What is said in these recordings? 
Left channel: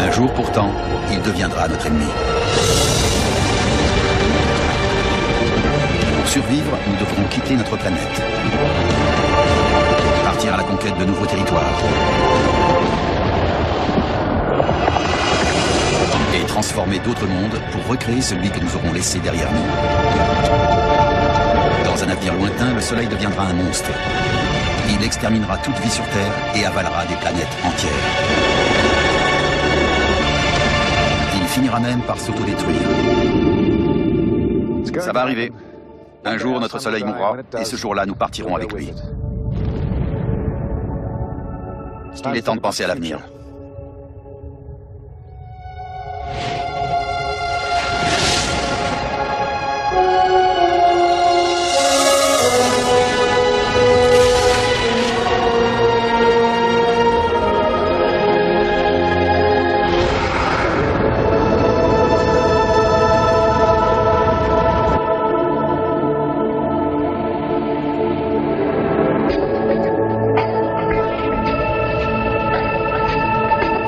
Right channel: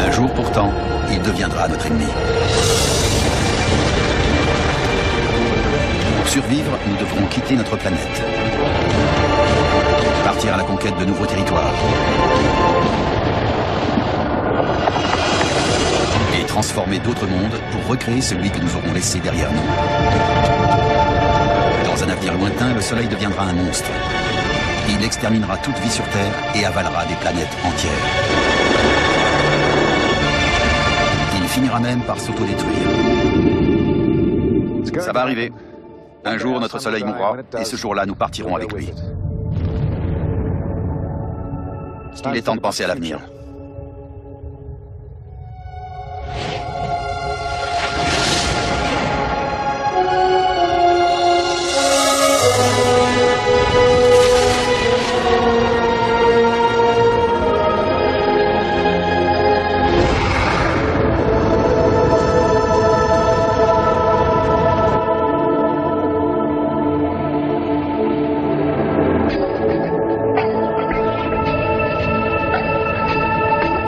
Un jour pourtant, il deviendra notre ennemi. Pour survivre, nous devrons quitter notre planète. Partir à la conquête de nouveaux territoires. Et transformer d'autres mondes pour recréer celui que nous aurons laissé derrière nous. Dans un avenir lointain, le Soleil deviendra un monstre. Il exterminera toute vie sur Terre et avalera des planètes entières. Il finira même par s'autodétruire. Ça va arriver. Un jour, notre Soleil mourra, et ce jour-là, nous partirons avec lui. Il est temps de penser à l'avenir.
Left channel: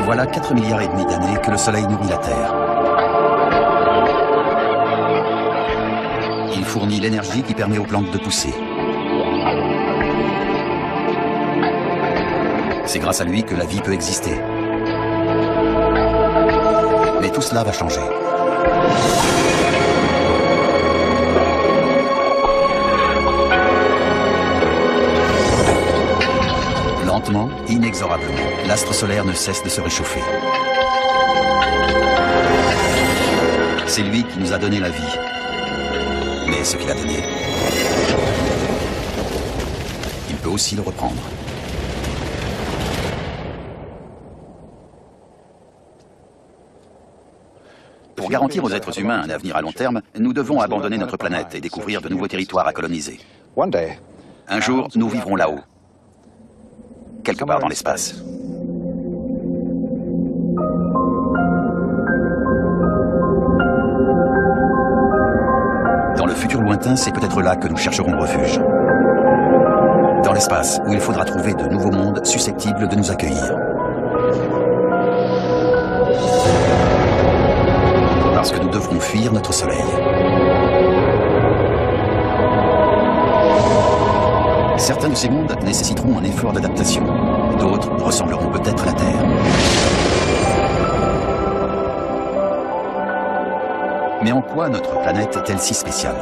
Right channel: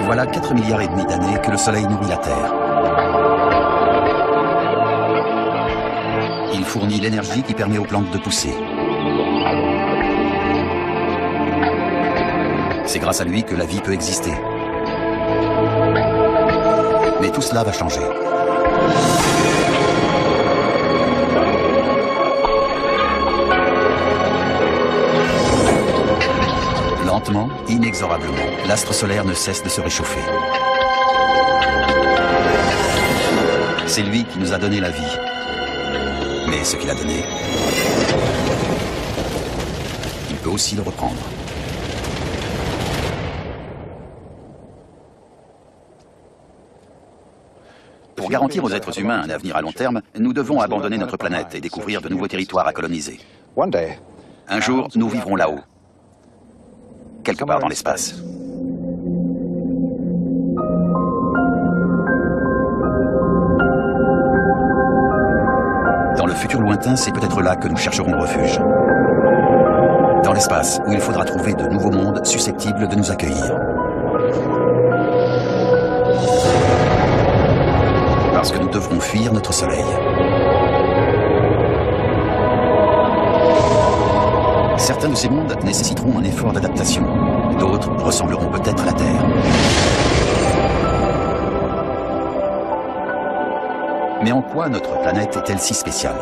Voilà 4,5 milliards d'années que le Soleil nourrit la Terre. Il fournit l'énergie qui permet aux plantes de pousser. C'est grâce à lui que la vie peut exister. Mais tout cela va changer. Lentement, inexorablement, l'astre solaire ne cesse de se réchauffer. C'est lui qui nous a donné la vie. Mais ce qu'il a donné, il peut aussi le reprendre. Pour garantir aux êtres humains un avenir à long terme, nous devons abandonner notre planète et découvrir de nouveaux territoires à coloniser. Un jour, nous vivrons là-haut. Quelque part dans l'espace. Dans le futur lointain, c'est peut-être là que nous chercherons refuge. Dans l'espace, où il faudra trouver de nouveaux mondes susceptibles de nous accueillir. Parce que nous devrons fuir notre Soleil. Certains de ces mondes nécessiteront un effort d'adaptation. D'autres ressembleront peut-être à la Terre. Mais en quoi notre planète est-elle si spéciale?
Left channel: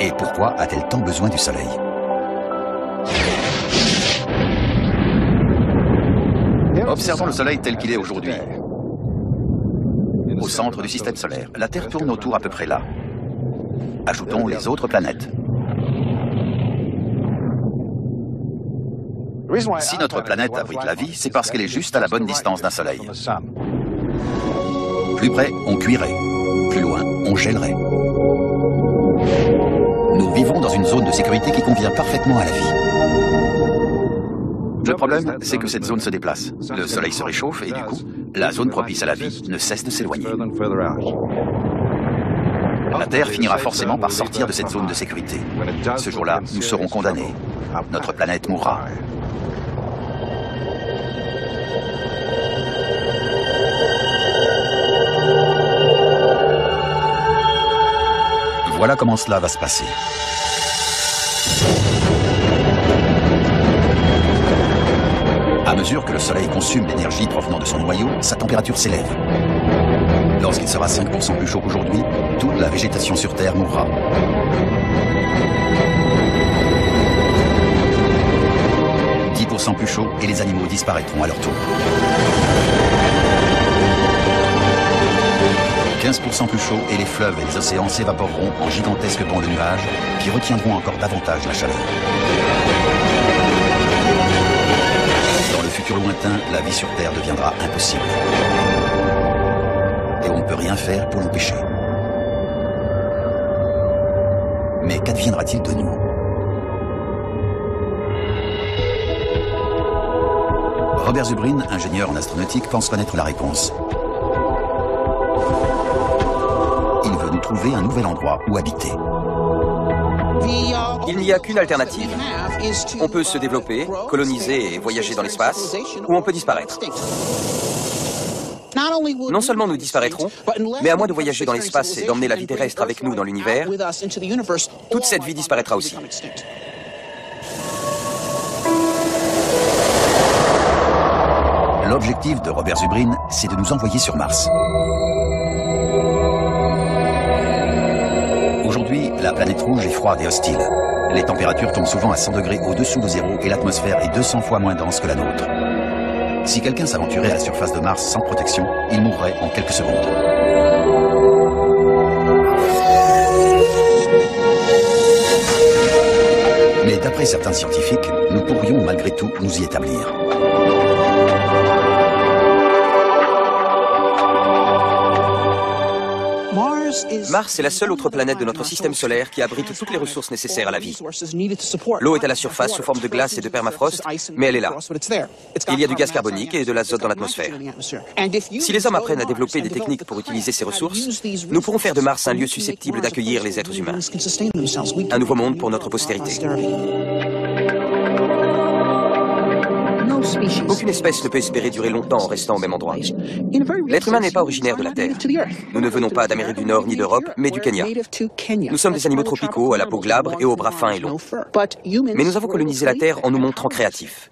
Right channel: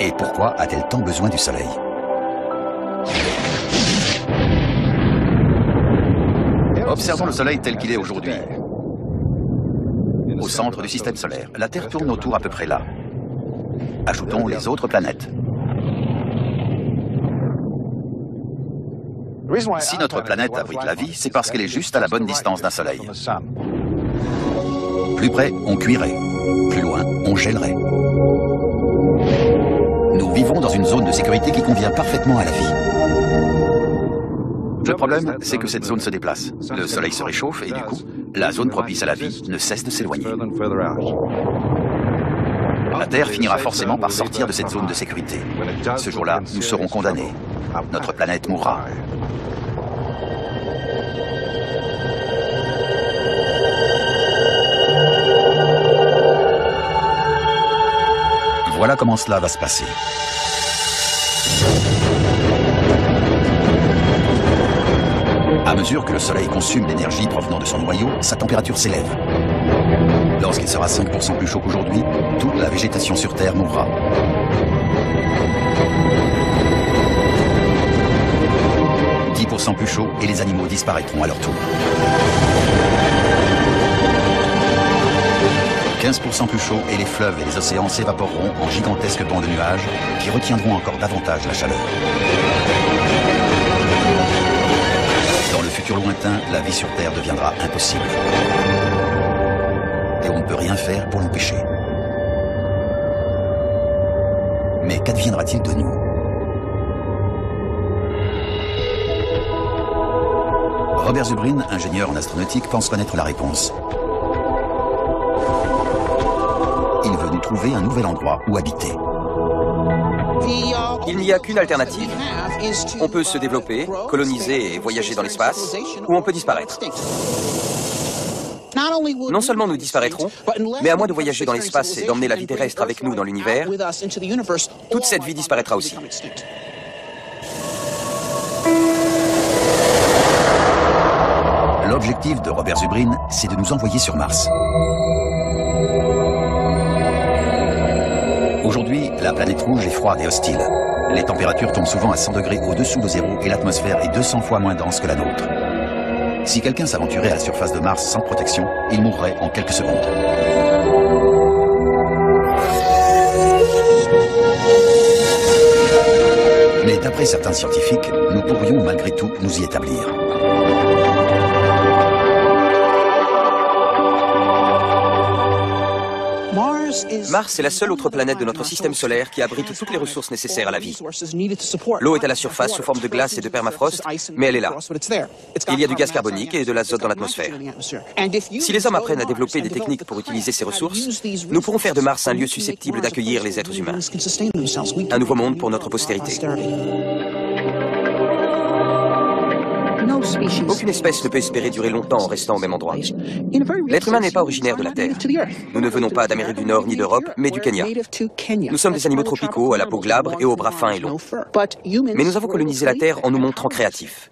Et pourquoi a-t-elle tant besoin du Soleil? Observons le Soleil tel qu'il est aujourd'hui. Au centre du système solaire, la Terre tourne autour à peu près là. Ajoutons les autres planètes. Si notre planète abrite la vie, c'est parce qu'elle est juste à la bonne distance d'un Soleil. Plus près, on cuirait. Plus loin, on gèlerait. Nous vivons dans une zone de sécurité qui convient parfaitement à la vie. Le problème, c'est que cette zone se déplace. Le Soleil se réchauffe et du coup, la zone propice à la vie ne cesse de s'éloigner. La Terre finira forcément par sortir de cette zone de sécurité. Ce jour-là, nous serons condamnés. Notre planète mourra. Voilà comment cela va se passer. À mesure que le Soleil consomme l'énergie provenant de son noyau, sa température s'élève. Lorsqu'il sera 5% plus chaud qu'aujourd'hui, toute la végétation sur Terre mourra. « 10% plus chaud et les animaux disparaîtront à leur tour. 15% plus chaud et les fleuves et les océans s'évaporeront en gigantesques bancs de nuages qui retiendront encore davantage la chaleur. Dans le futur lointain, la vie sur Terre deviendra impossible. Et on ne peut rien faire pour l'empêcher. Mais qu'adviendra-t-il de nous? Robert Zubrin, ingénieur en astronautique, pense connaître la réponse. Il veut nous trouver un nouvel endroit où habiter. Il n'y a qu'une alternative. On peut se développer, coloniser et voyager dans l'espace, ou on peut disparaître. Non seulement nous disparaîtrons, mais à moins de voyager dans l'espace et d'emmener la vie terrestre avec nous dans l'univers, toute cette vie disparaîtra aussi. L'objectif de Robert Zubrin, c'est de nous envoyer sur Mars. Aujourd'hui, la planète rouge est froide et hostile. Les températures tombent souvent à 100 degrés au-dessous de zéro et l'atmosphère est 200 fois moins dense que la nôtre. Si quelqu'un s'aventurait à la surface de Mars sans protection, il mourrait en quelques secondes. Mais d'après certains scientifiques, nous pourrions malgré tout nous y établir. Mars est la seule autre planète de notre système solaire qui abrite toutes les ressources nécessaires à la vie. L'eau est à la surface sous forme de glace et de permafrost, mais elle est là. Il y a du gaz carbonique et de l'azote dans l'atmosphère. Si les hommes apprennent à développer des techniques pour utiliser ces ressources, nous pourrons faire de Mars un lieu susceptible d'accueillir les êtres humains. Un nouveau monde pour notre postérité. Aucune espèce ne peut espérer durer longtemps en restant au même endroit. L'être humain n'est pas originaire de la Terre. Nous ne venons pas d'Amérique du Nord ni d'Europe, mais du Kenya. Nous sommes des animaux tropicaux à la peau glabre et aux bras fins et longs. Mais nous avons colonisé la Terre en nous montrant créatifs.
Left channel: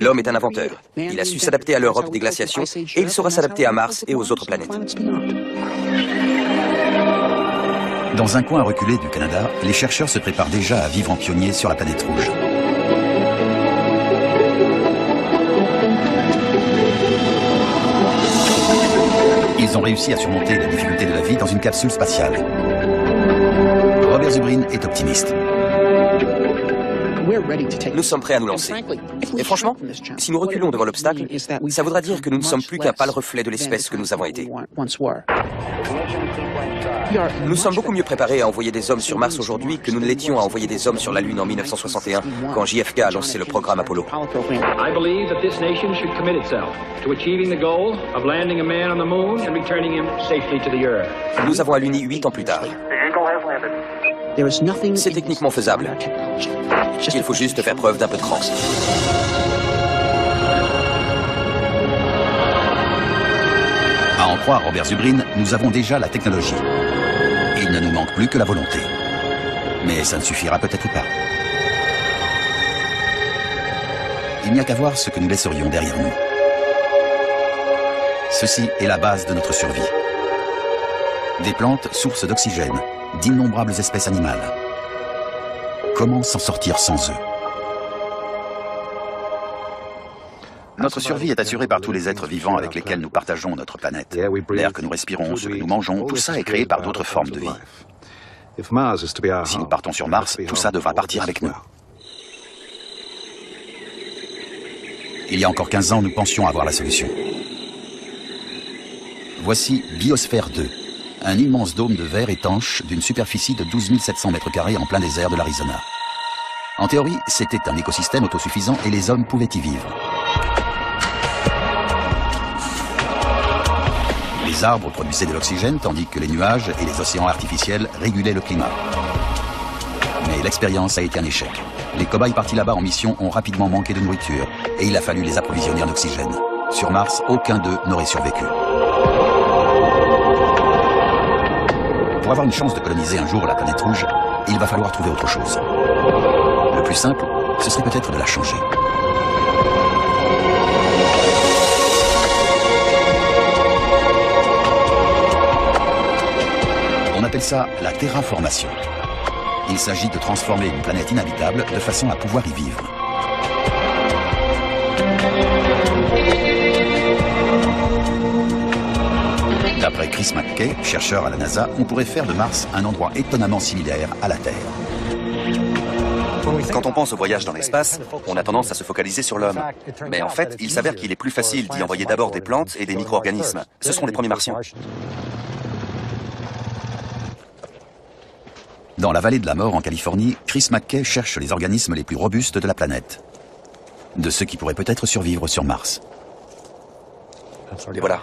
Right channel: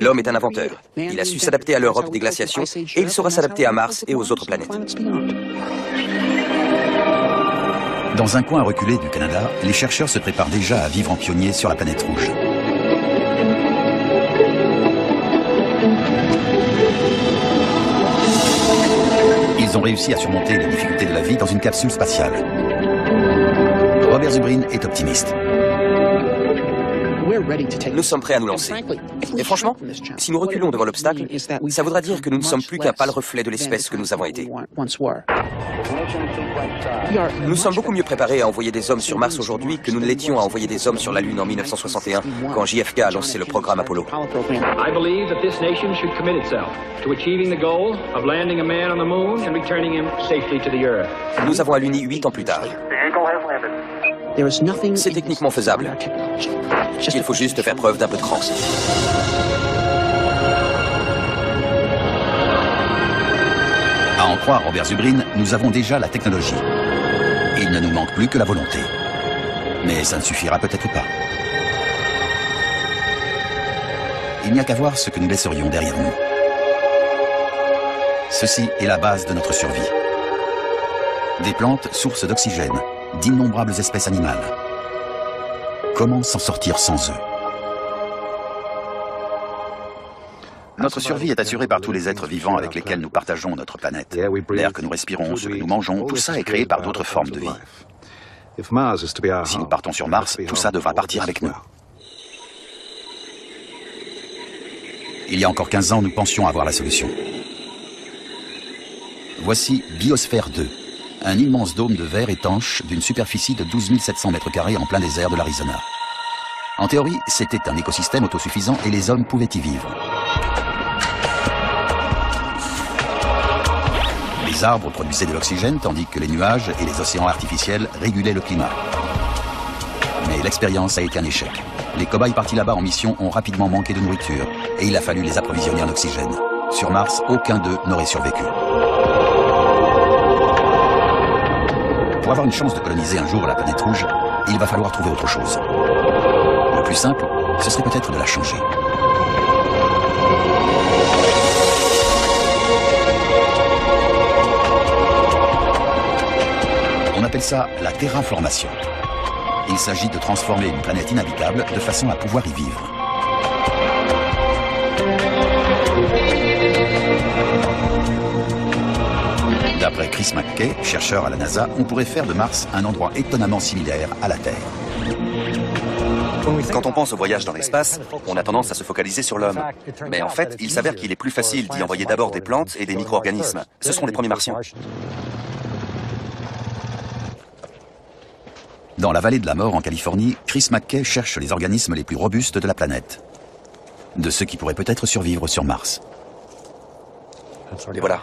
L'homme est un inventeur. Il a su s'adapter à l'Europe des glaciations et il saura s'adapter à Mars et aux autres planètes. Dans un coin reculé du Canada, les chercheurs se préparent déjà à vivre en pionniers sur la planète rouge. Ils ont réussi à surmonter les difficultés de la vie dans une capsule spatiale. Robert Zubrin est optimiste. Nous sommes prêts à nous lancer. Et franchement, si nous reculons devant l'obstacle, ça voudra dire que nous ne sommes plus qu'un pâle reflet de l'espèce que nous avons été. Nous sommes beaucoup mieux préparés à envoyer des hommes sur Mars aujourd'hui que nous ne l'étions à envoyer des hommes sur la Lune en 1961, quand JFK a lancé le programme Apollo. I believe that this nation should commit itself to achieving the goal of landing a man on the moon and returning him safely to the Earth. Nous avons aluni 8 ans plus tard. C'est techniquement faisable. Il faut juste faire preuve d'un peu de cran. À en croire Robert Zubrin, nous avons déjà la technologie. Il ne nous manque plus que la volonté. Mais ça ne suffira peut-être pas. Il n'y a qu'à voir ce que nous laisserions derrière nous. Ceci est la base de notre survie. Des plantes, sources d'oxygène, d'innombrables espèces animales. Comment s'en sortir sans eux? Notre survie est assurée par tous les êtres vivants avec lesquels nous partageons notre planète. L'air que nous respirons, ce que nous mangeons, tout ça est créé par d'autres formes de vie. Si nous partons sur Mars, tout ça devra partir avec nous. Il y a encore 15 ans, nous pensions avoir la solution. Voici Biosphère 2, un immense dôme de verre étanche d'une superficie de 12 700 mètres carrés en plein désert de l'Arizona. En théorie, c'était un écosystème autosuffisant et les hommes pouvaient y vivre. Les arbres produisaient de l'oxygène tandis que les nuages et les océans artificiels régulaient le climat. Mais l'expérience a été un échec. Les cobayes partis là-bas en mission ont rapidement manqué de nourriture et il a fallu les approvisionner en oxygène. Sur Mars, aucun d'eux n'aurait survécu. Pour avoir une chance de coloniser un jour la planète rouge, il va falloir trouver autre chose. Le plus simple, ce serait peut-être de la changer. On appelle ça la terraformation. Il s'agit de transformer une planète inhabitable de façon à pouvoir y vivre. D'après Chris McKay, chercheur à la NASA, on pourrait faire de Mars un endroit étonnamment similaire à la Terre. Quand on pense au voyage dans l'espace, on a tendance à se focaliser sur l'homme. Mais en fait, il s'avère qu'il est plus facile d'y envoyer d'abord des plantes et des micro-organismes. Ce seront les premiers martiens. Dans la vallée de la mort en Californie, Chris McKay cherche les organismes les plus robustes de la planète. De ceux qui pourraient peut-être survivre sur Mars. Et voilà.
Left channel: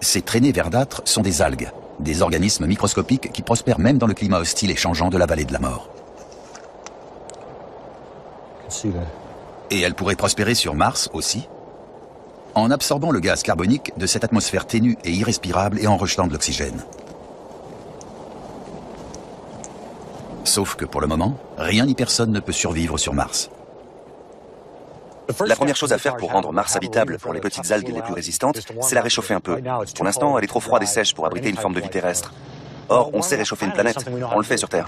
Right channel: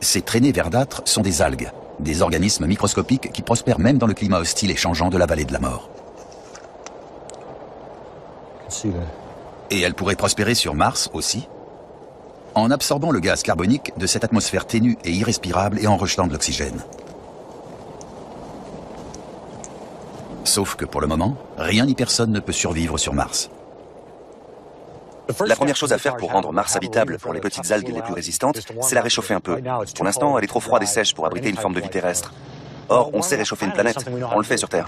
Ces traînées verdâtres sont des algues, des organismes microscopiques qui prospèrent même dans le climat hostile et changeant de la vallée de la mort. Et elles pourraient prospérer sur Mars aussi. en absorbant le gaz carbonique de cette atmosphère ténue et irrespirable et en rejetant de l'oxygène. Sauf que pour le moment, rien ni personne ne peut survivre sur Mars. La première chose à faire pour rendre Mars habitable pour les petites algues les plus résistantes, c'est la réchauffer un peu. Pour l'instant, elle est trop froide et sèche pour abriter une forme de vie terrestre. Or, on sait réchauffer une planète. On le fait sur Terre.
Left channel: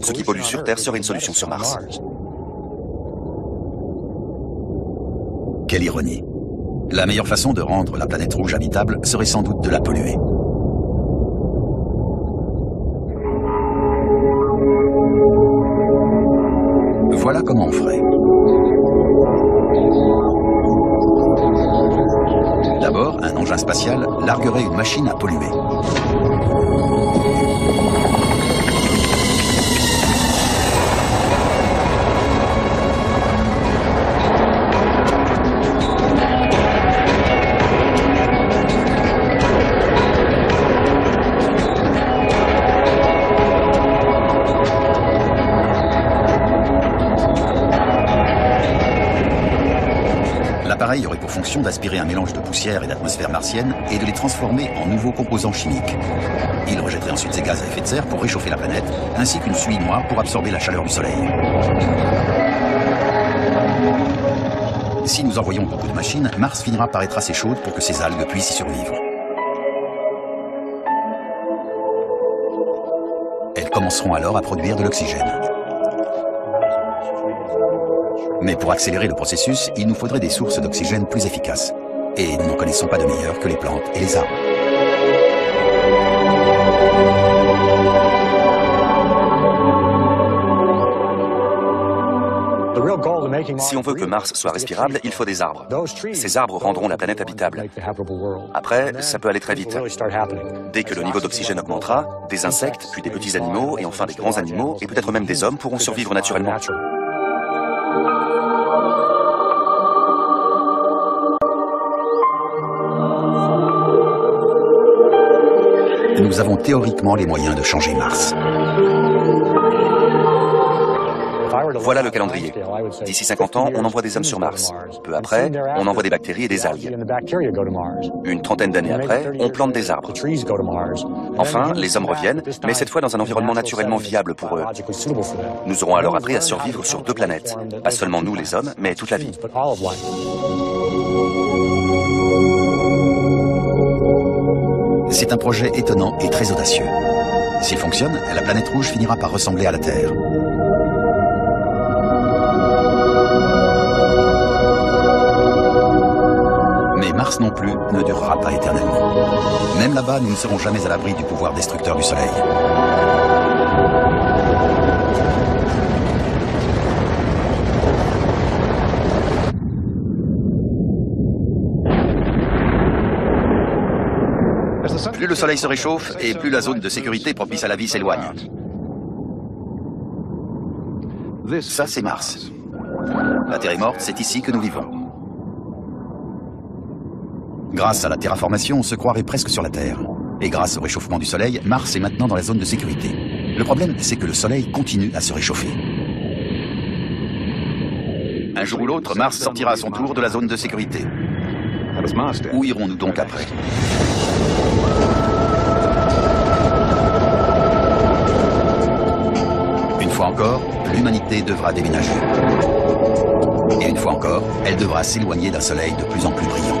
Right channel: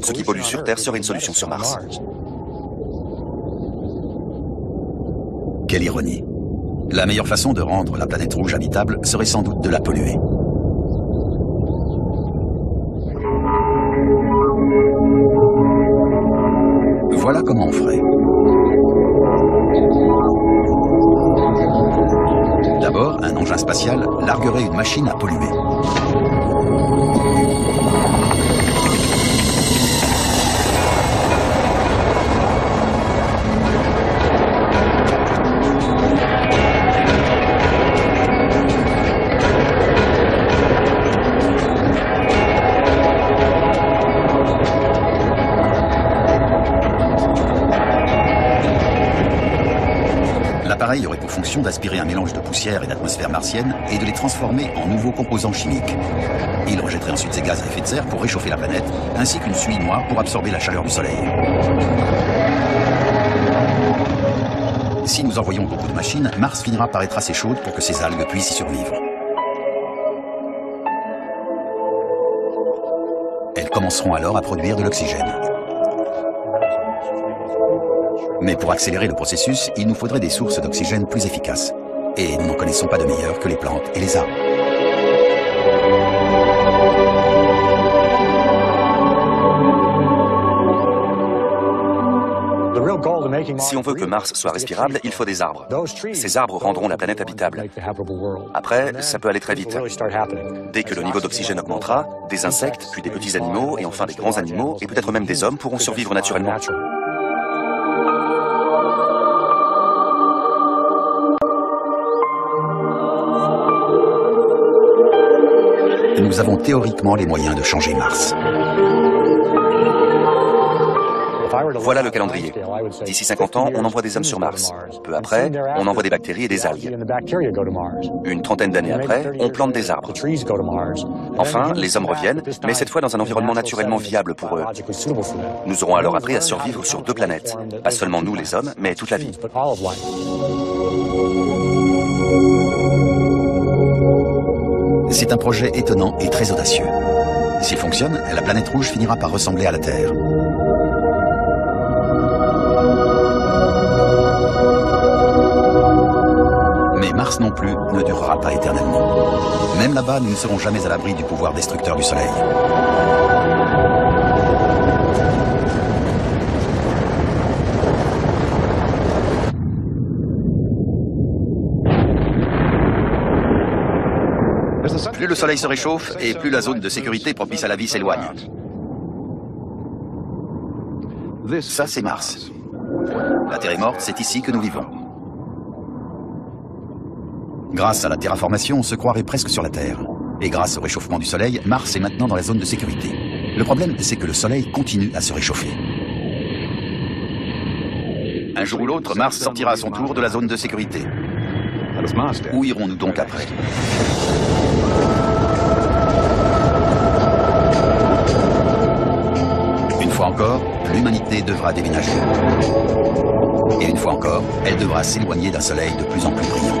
Ce qui pollue sur Terre serait une solution sur Mars. Quelle ironie. La meilleure façon de rendre la planète rouge habitable serait sans doute de la polluer. Voilà comment on ferait. D'abord, un engin spatial larguerait une machine à polluer. L'appareil aurait pour fonction d'aspirer un mélange de poussière et d'atmosphère martienne et de les transformer en nouveaux composants chimiques. Il rejetterait ensuite ces gaz à effet de serre pour réchauffer la planète, ainsi qu'une suie noire pour absorber la chaleur du Soleil. Si nous envoyons beaucoup de machines, Mars finira par être assez chaude pour que ces algues puissent y survivre. Elles commenceront alors à produire de l'oxygène. Mais pour accélérer le processus, il nous faudrait des sources d'oxygène plus efficaces. Et nous n'en connaissons pas de meilleures que les plantes et les arbres. Si on veut que Mars soit respirable, il faut des arbres. Ces arbres rendront la planète habitable. Après, ça peut aller très vite. Dès que le niveau d'oxygène augmentera, des insectes, puis des petits animaux, et enfin des grands animaux, et peut-être même des hommes pourront survivre naturellement. Nous avons théoriquement les moyens de changer Mars. Voilà le calendrier. D'ici 50 ans, on envoie des hommes sur Mars. Peu après, on envoie des bactéries et des algues. Une trentaine d'années après, on plante des arbres. Enfin, les hommes reviennent, mais cette fois dans un environnement naturellement viable pour eux. Nous aurons alors appris à survivre sur 2 planètes. Pas seulement nous les hommes, mais toute la vie. C'est un projet étonnant et très audacieux. S'il fonctionne, la planète rouge finira par ressembler à la Terre. Mais Mars non plus ne durera pas éternellement. Même là-bas, nous ne serons jamais à l'abri du pouvoir destructeur du Soleil. Plus le Soleil se réchauffe et plus la zone de sécurité propice à la vie s'éloigne. Ça, c'est Mars. La Terre est morte, c'est ici que nous vivons. Grâce à la terraformation, on se croirait presque sur la Terre. Et grâce au réchauffement du Soleil, Mars est maintenant dans la zone de sécurité. Le problème, c'est que le Soleil continue à se réchauffer. Un jour ou l'autre, Mars sortira à son tour de la zone de sécurité. Où irons-nous donc après ? Une fois encore, l'humanité devra déménager. Et une fois encore, elle devra s'éloigner d'un soleil de plus en plus brillant.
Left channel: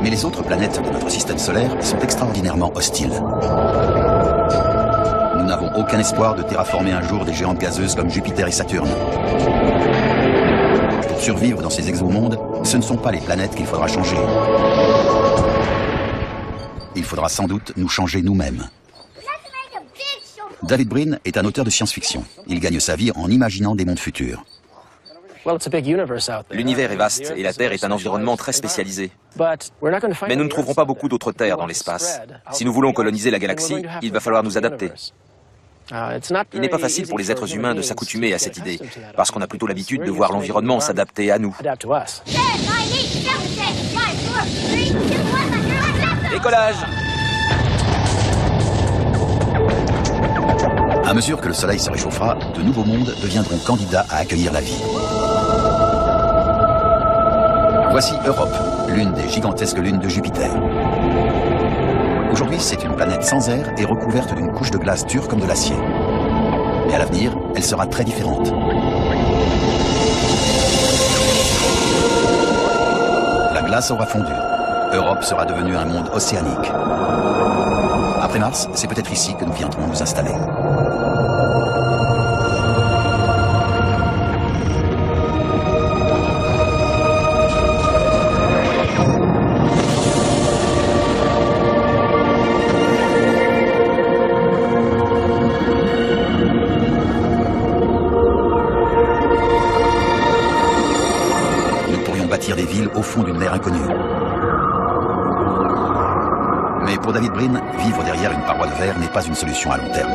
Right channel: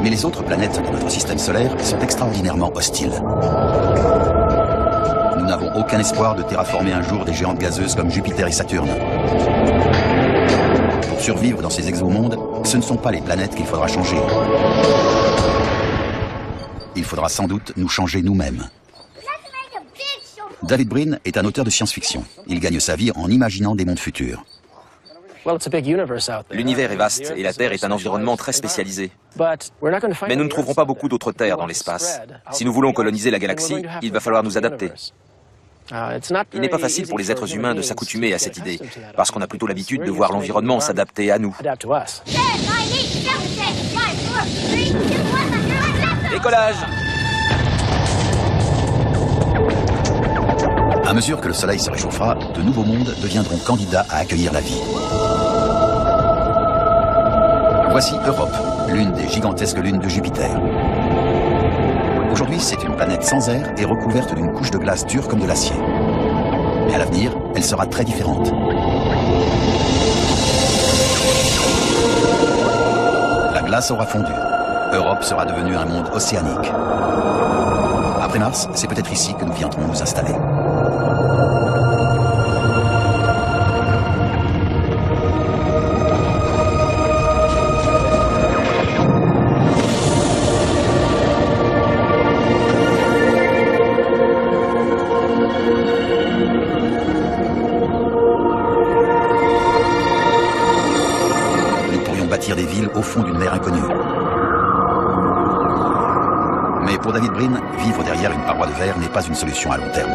Mais les autres planètes de notre système solaire sont extraordinairement hostiles. Nous n'avons aucun espoir de terraformer un jour des géantes gazeuses comme Jupiter et Saturne. Pour survivre dans ces exomondes, ce ne sont pas les planètes qu'il faudra changer. Il faudra sans doute nous changer nous-mêmes. David Brin est un auteur de science-fiction. Il gagne sa vie en imaginant des mondes futurs. L'univers est vaste et la Terre est un environnement très spécialisé. Mais nous ne trouverons pas beaucoup d'autres terres dans l'espace. Si nous voulons coloniser la galaxie, il va falloir nous adapter. Il n'est pas facile pour les êtres humains de s'accoutumer à cette idée, parce qu'on a plutôt l'habitude de voir l'environnement s'adapter à nous. Décollage! À mesure que le Soleil se réchauffera, de nouveaux mondes deviendront candidats à accueillir la vie. Voici Europe, l'une des gigantesques lunes de Jupiter. Aujourd'hui, c'est une planète sans air et recouverte d'une couche de glace dure comme de l'acier. Mais à l'avenir, elle sera très différente. La glace aura fondu. Europe sera devenue un monde océanique. Après Mars, c'est peut-être ici que nous viendrons nous installer. Nous pourrions bâtir des villes au fond d'une mer inconnue. Mais pour David Brin, vivre derrière une paroi de verre n'est pas une solution à long terme.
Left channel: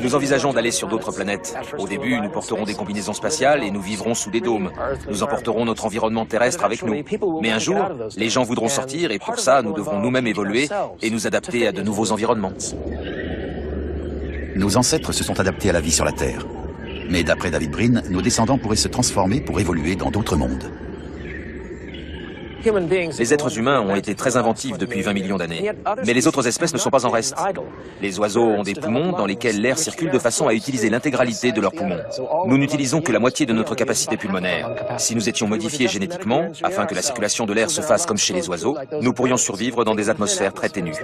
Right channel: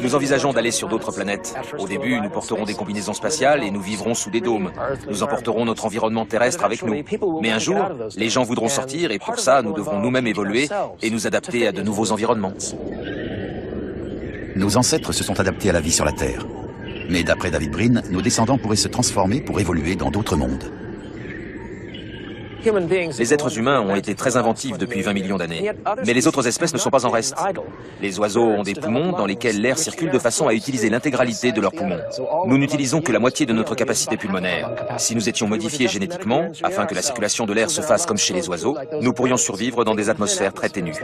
Nous envisageons d'aller sur d'autres planètes. Au début, nous porterons des combinaisons spatiales et nous vivrons sous des dômes. Nous emporterons notre environnement terrestre avec nous. Mais un jour, les gens voudront sortir et pour ça, nous devrons nous-mêmes évoluer et nous adapter à de nouveaux environnements. Nos ancêtres se sont adaptés à la vie sur la Terre. Mais d'après David Brin, nos descendants pourraient se transformer pour évoluer dans d'autres mondes. Les êtres humains ont été très inventifs depuis 20 millions d'années. Mais les autres espèces ne sont pas en reste. Les oiseaux ont des poumons dans lesquels l'air circule de façon à utiliser l'intégralité de leurs poumons. Nous n'utilisons que la moitié de notre capacité pulmonaire. Si nous étions modifiés génétiquement, afin que la circulation de l'air se fasse comme chez les oiseaux, nous pourrions survivre dans des atmosphères très ténues.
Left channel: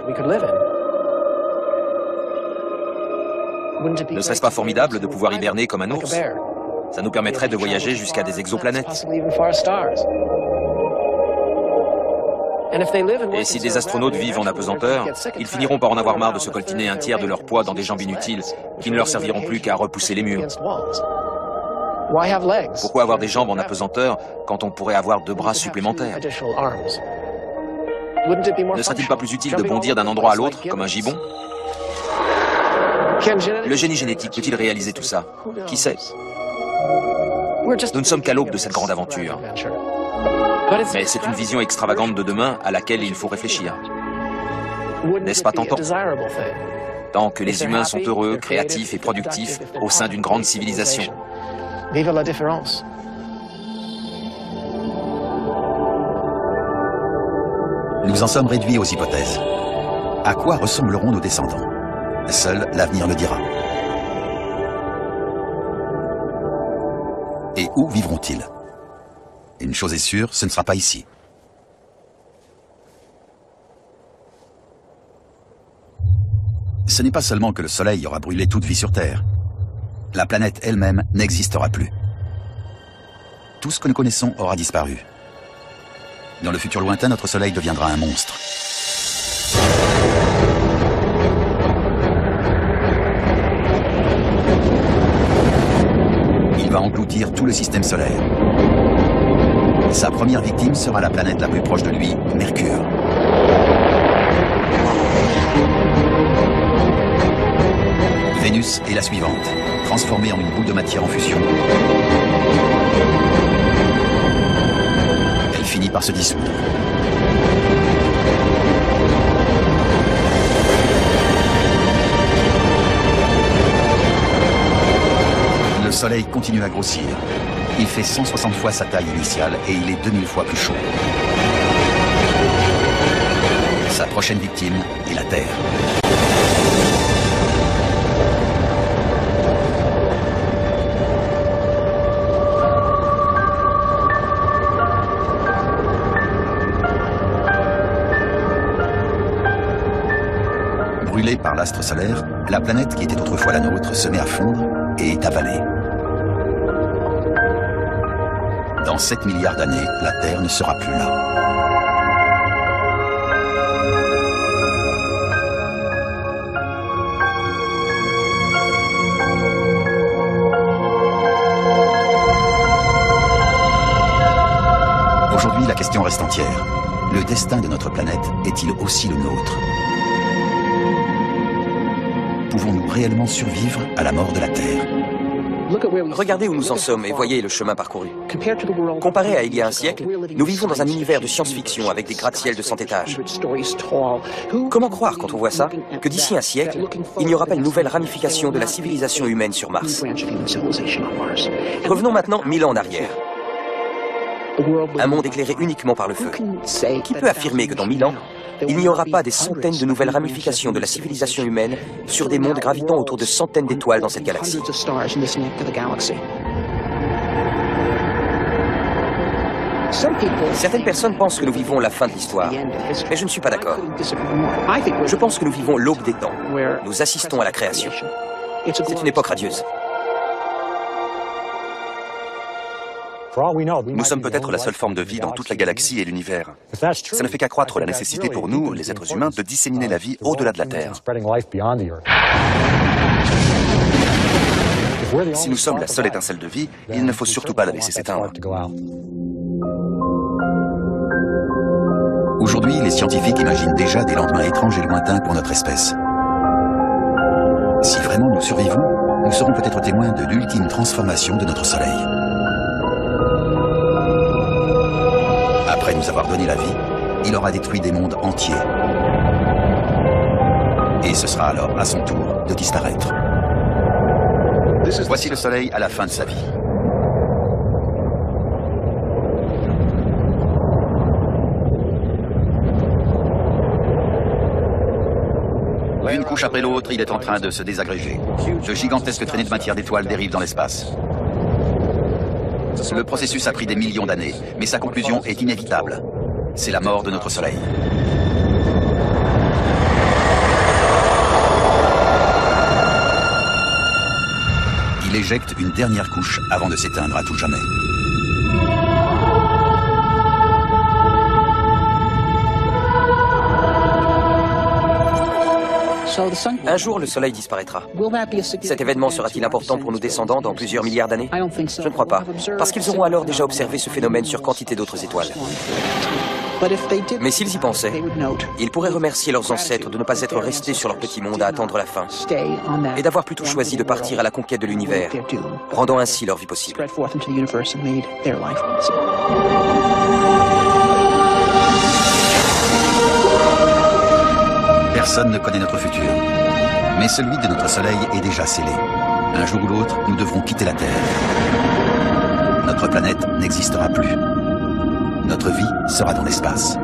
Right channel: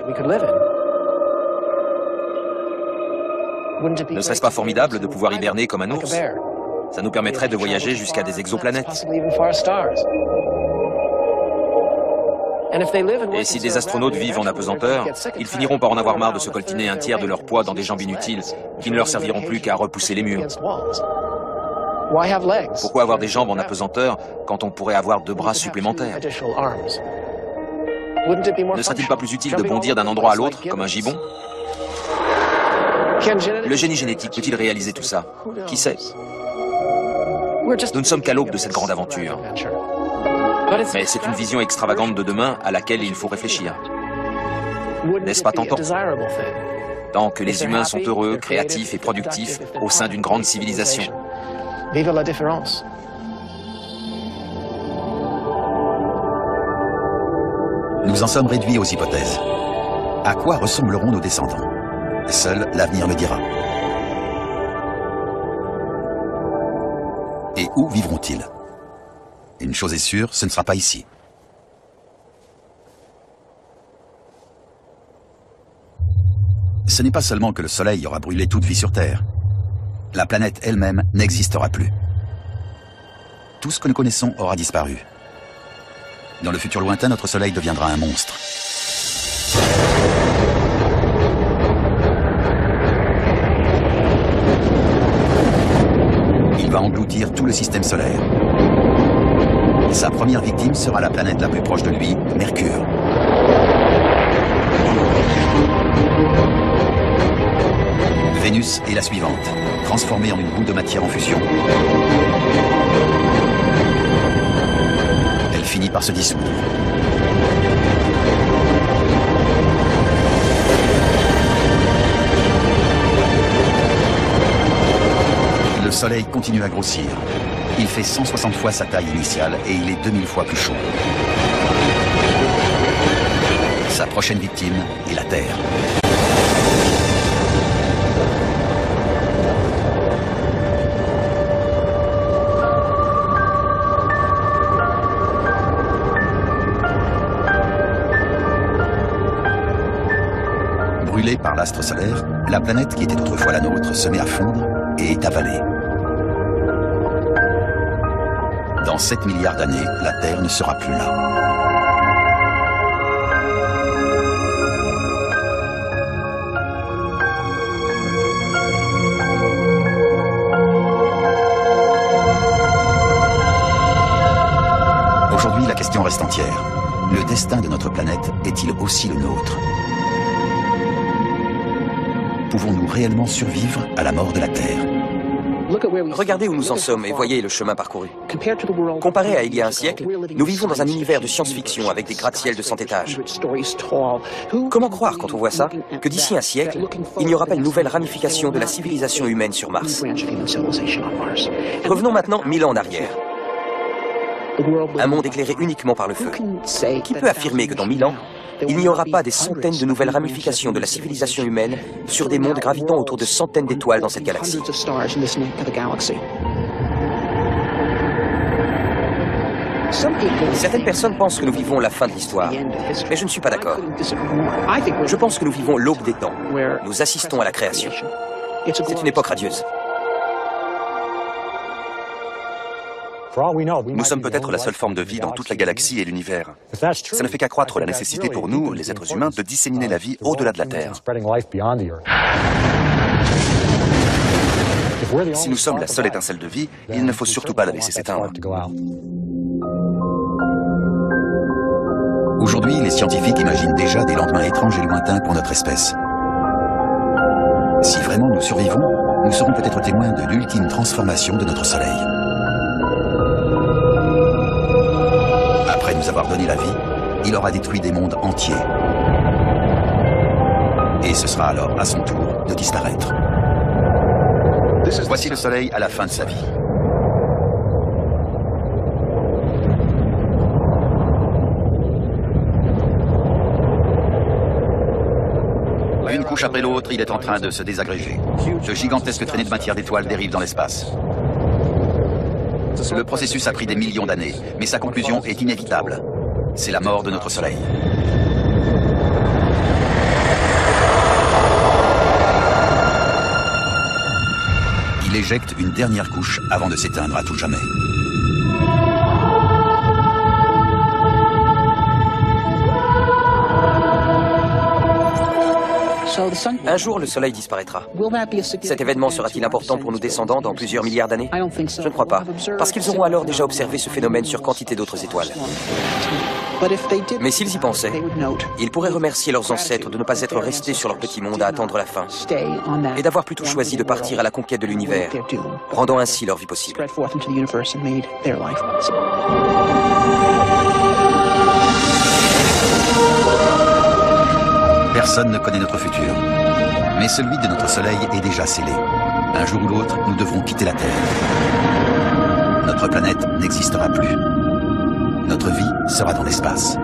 Ne serait-ce pas formidable de pouvoir hiberner comme un ours? Ça nous permettrait de voyager jusqu'à des exoplanètes. Et si des astronautes vivent en apesanteur, ils finiront par en avoir marre de se coltiner un tiers de leur poids dans des jambes inutiles qui ne leur serviront plus qu'à repousser les murs. Pourquoi avoir des jambes en apesanteur quand on pourrait avoir 2 bras supplémentaires? Ne serait-il pas plus utile de bondir d'un endroit à l'autre, comme un gibbon? Le génie génétique peut-il réaliser tout ça? Qui sait? Nous ne sommes qu'à l'aube de cette grande aventure. Mais c'est une vision extravagante de demain à laquelle il faut réfléchir. N'est-ce pas tentant? Tant que les humains sont heureux, créatifs et productifs au sein d'une grande civilisation. Nous en sommes réduits aux hypothèses. À quoi ressembleront nos descendants? Seul l'avenir le dira. Et où vivront-ils? Une chose est sûre, ce ne sera pas ici. Ce n'est pas seulement que le Soleil aura brûlé toute vie sur Terre. La planète elle-même n'existera plus. Tout ce que nous connaissons aura disparu. Dans le futur lointain, notre Soleil deviendra un monstre. Il va engloutir tout le système solaire. Sa première victime sera la planète la plus proche de lui, Mercure. Vénus est la suivante, transformée en une boule de matière en fusion. Elle finit par se dissoudre. Le Soleil continue à grossir. Il fait 160 fois sa taille initiale et il est 2000 fois plus chaud. Sa prochaine victime est la Terre. Brûlée par l'astre solaire, la planète qui était autrefois la nôtre se met à fondre et est avalée. Dans 7 milliards d'années, la Terre ne sera plus là. Aujourd'hui, la question reste entière. Le destin de notre planète est-il aussi le nôtre? Pouvons-nous réellement survivre à la mort de la Terre? Regardez où nous en sommes et voyez le chemin parcouru. Comparé à il y a un siècle, nous vivons dans un univers de science-fiction avec des gratte-ciel de 100 étages. Comment croire, quand on voit ça, que d'ici un siècle, il n'y aura pas une nouvelle ramification de la civilisation humaine sur Mars? Revenons maintenant 1000 ans en arrière. Un monde éclairé uniquement par le feu. Qui peut affirmer que dans 1000 ans, il n'y aura pas des centaines de nouvelles ramifications de la civilisation humaine sur des mondes gravitant autour de centaines d'étoiles dans cette galaxie? Certaines personnes pensent que nous vivons la fin de l'histoire, mais je ne suis pas d'accord. Je pense que nous vivons l'aube des temps. Nous assistons à la création. C'est une époque radieuse. Nous sommes peut-être la seule forme de vie dans toute la galaxie et l'univers. Ça ne fait qu'accroître la nécessité pour nous, les êtres humains, de disséminer la vie au-delà de la Terre. Si nous sommes la seule étincelle de vie, il ne faut surtout pas la laisser s'éteindre. Aujourd'hui, les scientifiques imaginent déjà des lendemains étranges et lointains pour notre espèce. Si vraiment nous survivons, nous serons peut-être témoins de l'ultime transformation de notre Soleil. Après nous avoir donné la vie, il aura détruit des mondes entiers. Et ce sera alors à son tour de disparaître. Voici le Soleil à la fin de sa vie. Une couche après l'autre, il est en train de se désagréger. De gigantesques traînées de matière d'étoiles dérivent dans l'espace. Le processus a pris des millions d'années, mais sa conclusion est inévitable. C'est la mort de notre Soleil. Il éjecte une dernière couche avant de s'éteindre à tout jamais. Un jour, le Soleil disparaîtra. Cet événement sera-t-il important pour nos descendants dans plusieurs milliards d'années? Je ne crois pas, parce qu'ils auront alors déjà observé ce phénomène sur quantité d'autres étoiles. Mais s'ils y pensaient, ils pourraient remercier leurs ancêtres de ne pas être restés sur leur petit monde à attendre la fin, et d'avoir plutôt choisi de partir à la conquête de l'univers, rendant ainsi leur vie possible. Personne ne connaît notre futur. Mais celui de notre Soleil est déjà scellé. Un jour ou l'autre, nous devrons quitter la Terre. Notre planète n'existera plus. Notre vie sera dans l'espace.